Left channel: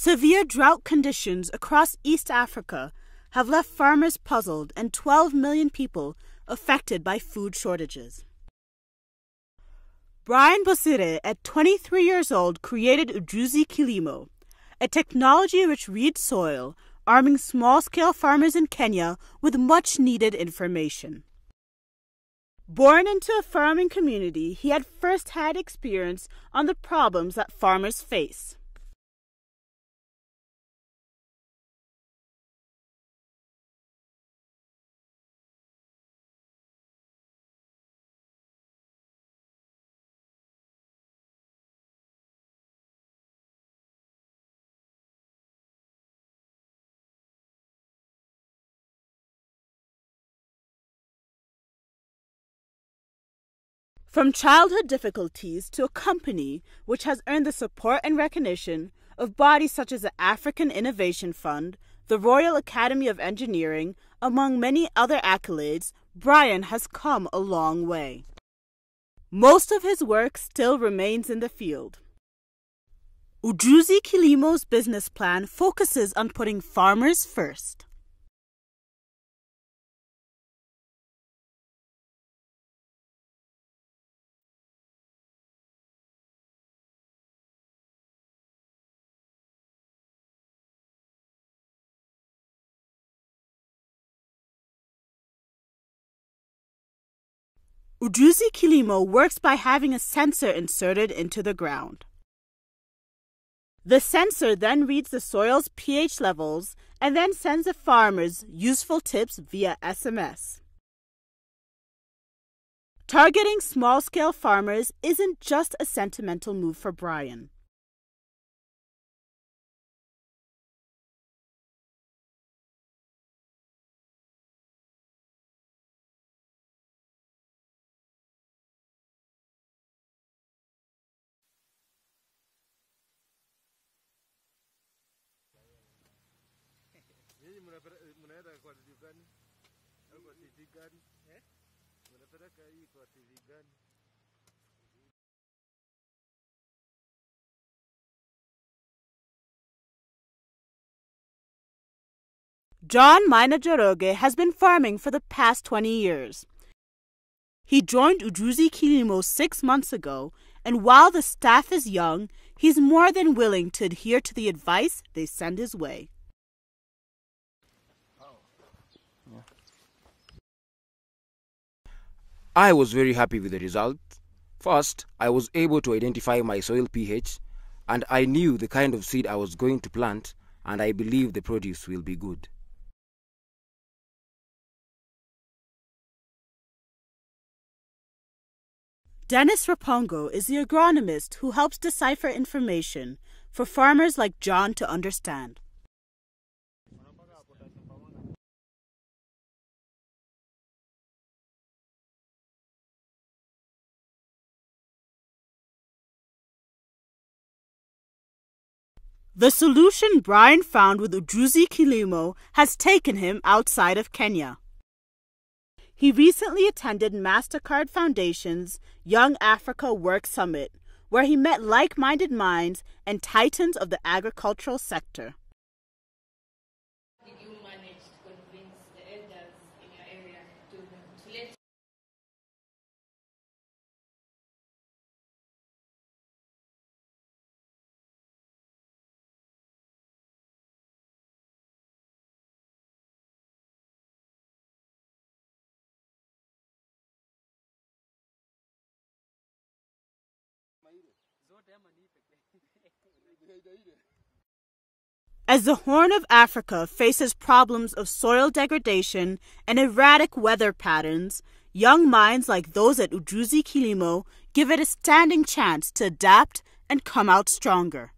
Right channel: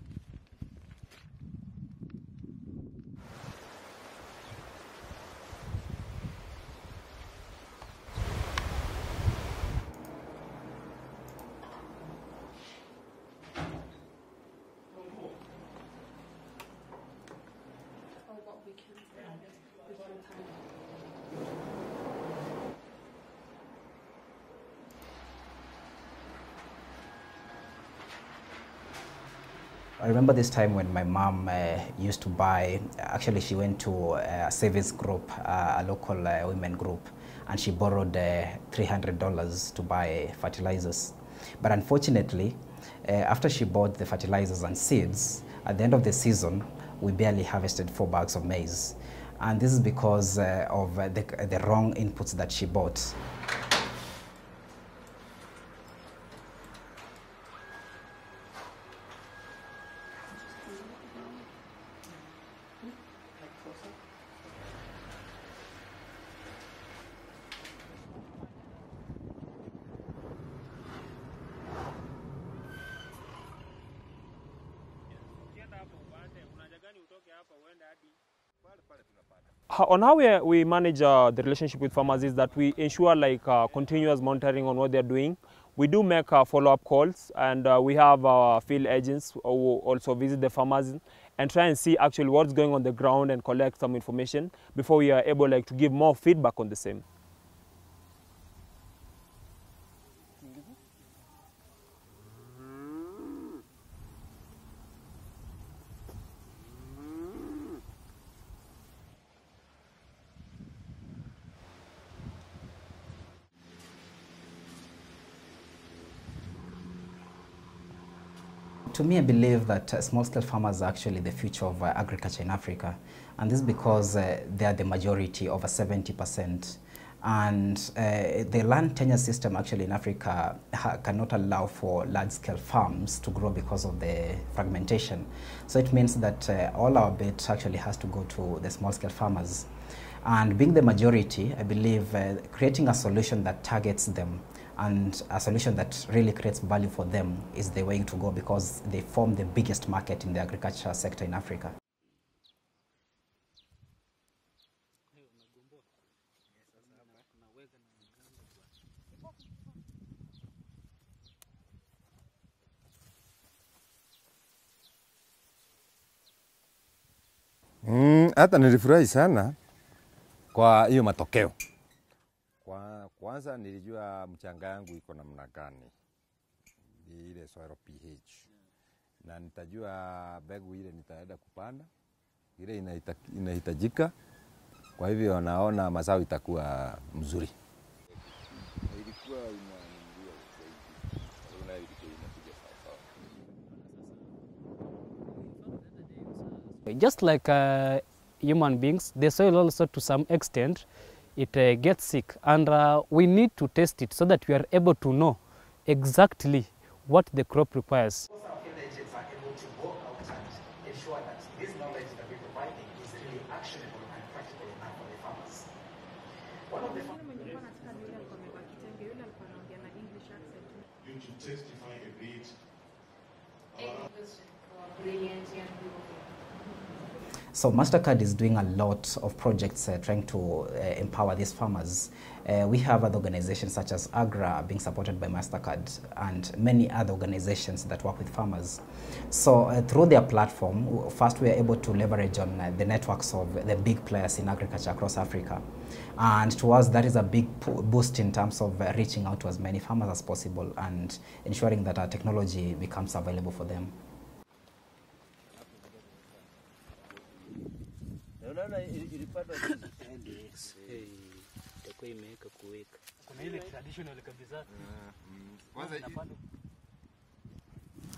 Severe drought conditions across East Africa have left farmers puzzled and 12 million people affected by food shortages. Brian Bosire, at 23 years old, created Ujuzikilimo, a technology which reads soil, arming small-scale farmers in Kenya with much-needed information. Born into a farming community, he had first-hand experience on the problems that farmers face. I remember this time when my mom used to buy, actually she went to a savings group, a local women group, and she borrowed $300 to buy fertilizers. But unfortunately, after she bought the fertilizers and seeds, at the end of the season, we barely harvested 4 bags of maize. And this is because of the wrong inputs that she bought. From childhood difficulties to a company which has earned the support and recognition of bodies such as the African Innovation Fund, the Royal Academy of Engineering, among many other accolades, Brian has come a long way. Most of his work still remains in the field. Ujuzikilimo's business plan focuses on putting farmers first. On how we manage the relationship with farmers is that we ensure continuous monitoring on what they're doing. We do make follow-up calls, and we have field agents who also visit the farmers and try and see actually what's going on the ground and collect some information before we are able to give more feedback on the same. Ujuzikilimo works by having a sensor inserted into the ground. The sensor then reads the soil's pH levels and then sends the farmers useful tips via SMS. Targeting small-scale farmers isn't just a sentimental move for Brian. To me, I believe that small-scale farmers are actually the future of agriculture in Africa. And this is because they are the majority, over 70%. And the land tenure system actually in Africa cannot allow for large-scale farms to grow because of the fragmentation. So it means that all our bait actually has to go to the small-scale farmers. And being the majority, I believe creating a solution that targets them and a solution that really creates value for them is the way to go, because they form the biggest market in the agriculture sector in Africa. John Maina Joroge has been farming for the past 20 years. He joined Ujuzikilimo 6 months ago, and while the staff is young, he's more than willing to adhere to the advice they send his way. Hata nilifurahi sana kwa hiyo matokeo. I was very happy with the result. First, I was able to identify my soil pH, and I knew the kind of seed I was going to plant, and I believe the produce will be good. Inahitajika, kwa hivyo naona mazao itakuwa mzuri. Dennis Rapongo is the agronomist who helps decipher information for farmers like John to understand. Just like human beings, the soil also to some extent, it gets sick, and we need to test it so that we are able to know exactly what the crop requires. The solution Brian found with Ujuzikilimo has taken him outside of Kenya. He recently attended MasterCard Foundation's Young Africa Work Summit, where he met like-minded minds and titans of the agricultural sector. So MasterCard is doing a lot of projects trying to empower these farmers. We have other organizations such as AGRA being supported by MasterCard and many other organizations that work with farmers. So through their platform, first we are able to leverage on the networks of the big players in agriculture across Africa. And to us, that is a big boost in terms of reaching out to as many farmers as possible and ensuring that our technology becomes available for them. As the Horn of Africa faces problems of soil degradation and erratic weather patterns, young minds like those at Ujuzikilimo give it a standing chance to adapt and come out stronger.